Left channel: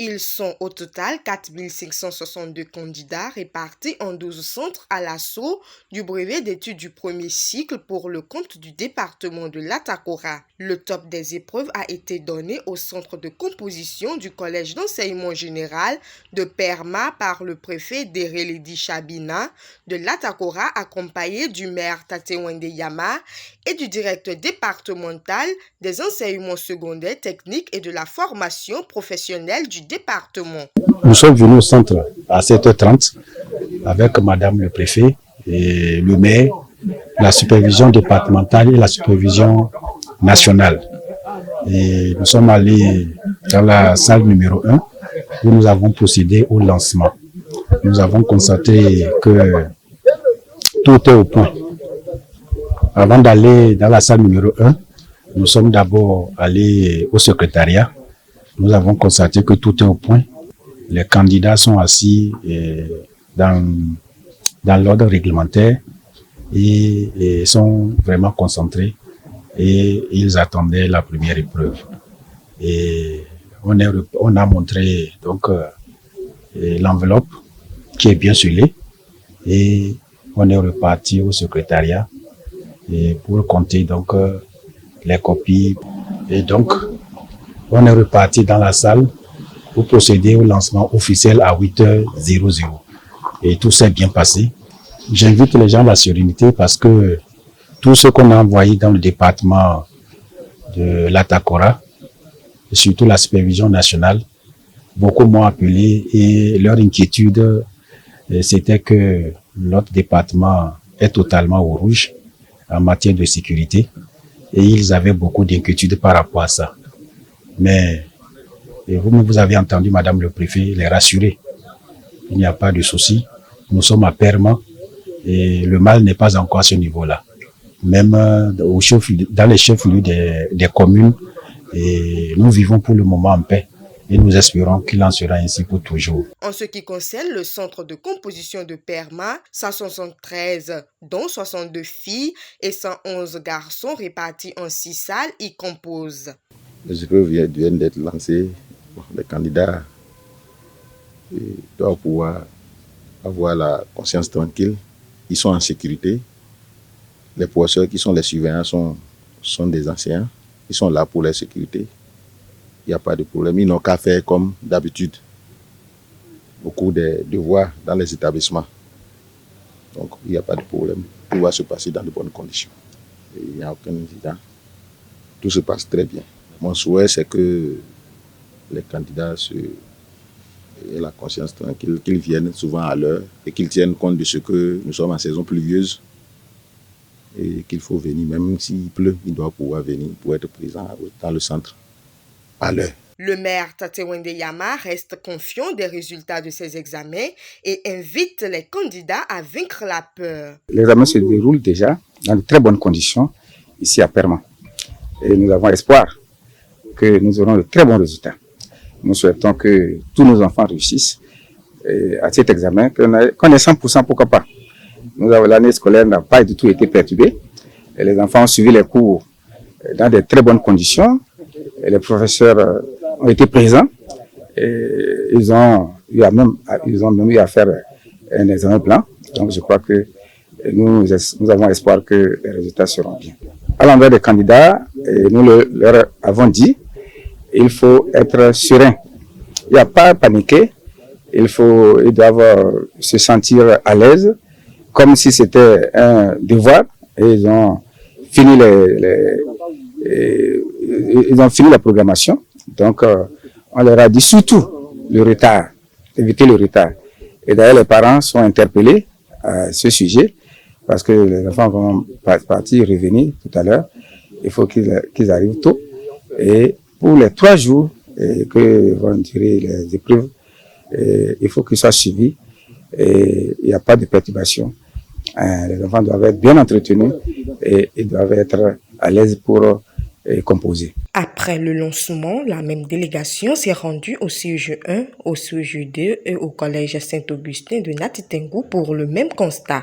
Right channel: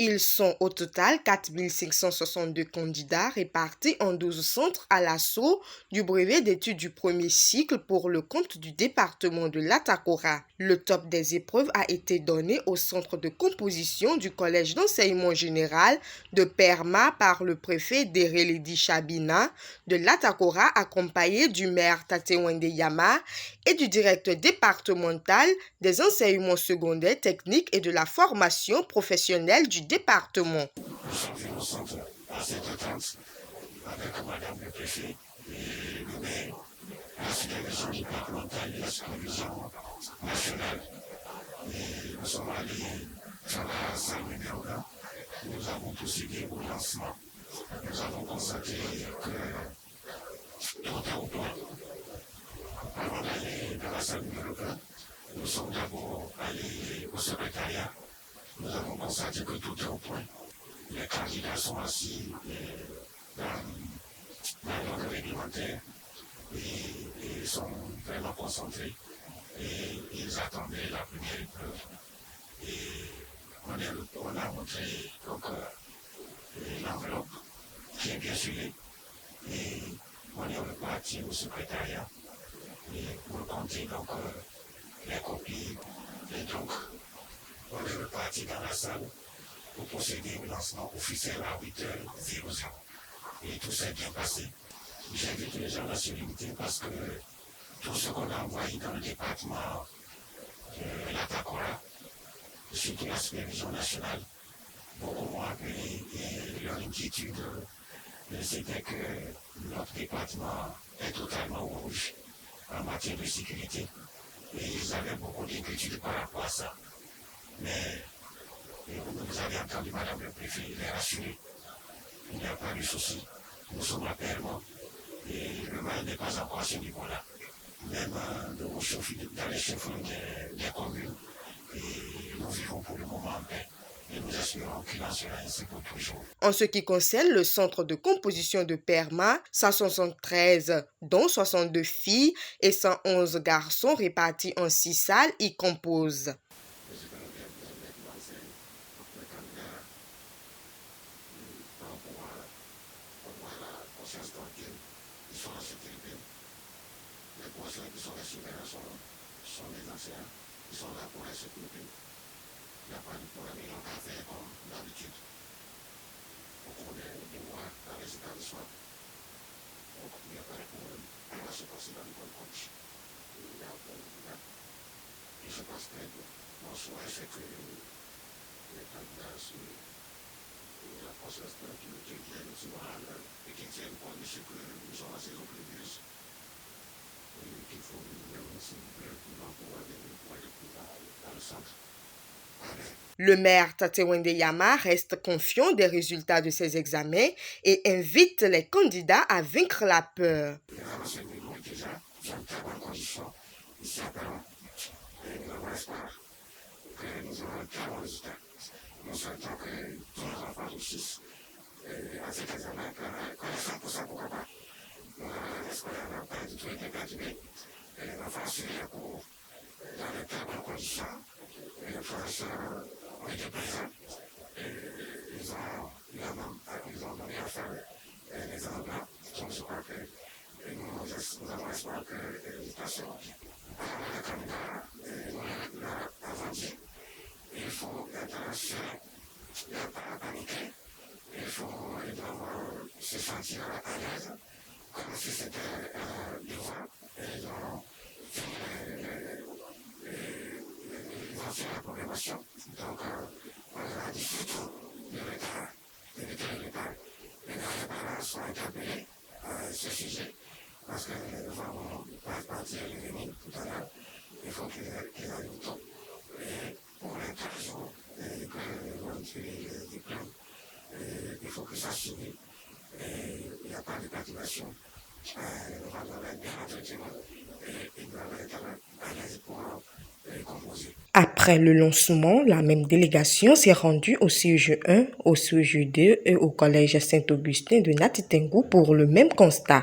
Ils sont au total 4 562 candidats répartis en 12 centres à l'assaut du brevet d'études du premier cycle pour le compte du département de l'Atakora. Le top des épreuves a été donné au centre de composition du collège d'enseignement général de Perma par le préfet d'Ereledi Chabina de l'Atakora, accompagné du maire Tatewende Yama et du directeur départemental des enseignements secondaires techniques et de la formation professionnelle du département. Nous sommes venus au centre à 7h30 avec madame le préfet et le maire, la supervision départementale et la supervision nationale. Et nous sommes allés dans la salle numéro 1 où nous avons procédé au lancement. Nous avons constaté que tout est au point. Avant d'aller dans la salle numéro 1, nous sommes d'abord allés au secrétariat. Nous avons constaté que tout est au point. Les candidats sont assis dans l'ordre réglementaire et sont vraiment concentrés et ils attendaient la première épreuve. Et on a montré donc l'enveloppe qui est bien scellée et on est reparti au secrétariat et pour compter donc les copies. Et donc on est reparti dans la salle pour procéder au lancement officiel à 8h00. Et tout s'est bien passé. J'invite les gens à la sérénité parce que tout ce qu'on a envoyé dans le département de l'Atakora, surtout la supervision nationale, beaucoup m'ont appelé et leur inquiétude, c'était que notre département est totalement au rouge en matière de sécurité et ils avaient beaucoup d'inquiétudes par rapport à ça. Mais vous avez entendu madame le préfet les rassurer. Il n'y a pas de souci. Nous sommes à Perma et le mal n'est pas encore à ce niveau-là. Même dans les chefs-lieux des communes, et nous vivons pour le moment en paix. Et nous espérons qu'il en sera ainsi pour toujours. En ce qui concerne le centre de composition de Perma, 173, dont 62 filles et 111 garçons répartis en 6 salles, y composent. Les épreuves viennent d'être lancées. Les candidats doivent pouvoir avoir la conscience tranquille. Ils sont en sécurité. Les professeurs qui sont les surveillants sont des anciens. Ils sont là pour la sécurité. Il n'y a pas de problème. Ils n'ont qu'à faire comme d'habitude. Beaucoup de devoirs dans les établissements. Donc, il n'y a pas de problème. Tout va se passer dans de bonnes conditions. Et il n'y a aucun incident. Tout se passe très bien. Mon souhait, c'est que les candidats aient la conscience tranquille, qu'ils viennent souvent à l'heure et qu'ils tiennent compte de ce que nous sommes en saison pluvieuse et qu'il faut venir, même s'il pleut, il doit pouvoir venir pour être présent dans le centre à l'heure. Le maire Tatewende Yama reste confiant des résultats de ces examens et invite les candidats à vaincre la peur. L'examen se déroule déjà dans de très bonnes conditions ici à Perma. Et nous avons espoir que nous aurons de très bons résultats. Nous souhaitons que tous nos enfants réussissent à cet examen, qu'on ait 100%, pourquoi pas. L'année scolaire n'a pas du tout été perturbée. Et les enfants ont suivi les cours dans de très bonnes conditions. Et les professeurs ont été présents. Et ils ont même eu à faire un examen blanc. Donc je crois que nous avons espoir que les résultats seront bien. À l'endroit des candidats, nous leur avons dit, il faut être serein. Il n'y a pas à paniquer. Ils doivent se sentir à l'aise, comme si c'était un devoir. Et ils ont fini la programmation. Donc, on leur a dit surtout le retard, éviter le retard. Et d'ailleurs, les parents sont interpellés à ce sujet, parce que les enfants vont revenir tout à l'heure. Il faut qu'ils arrivent tôt. Et pour les 3 jours que vont durer les épreuves, il faut qu'ils soient suivis. Et il n'y a pas de perturbation. Les enfants doivent être bien entretenus et ils doivent être à l'aise pour composer. Après le lancement, la même délégation s'est rendue au CEG 1, au CEG 2 et au collège Saint-Augustin de Natitengu pour le même constat.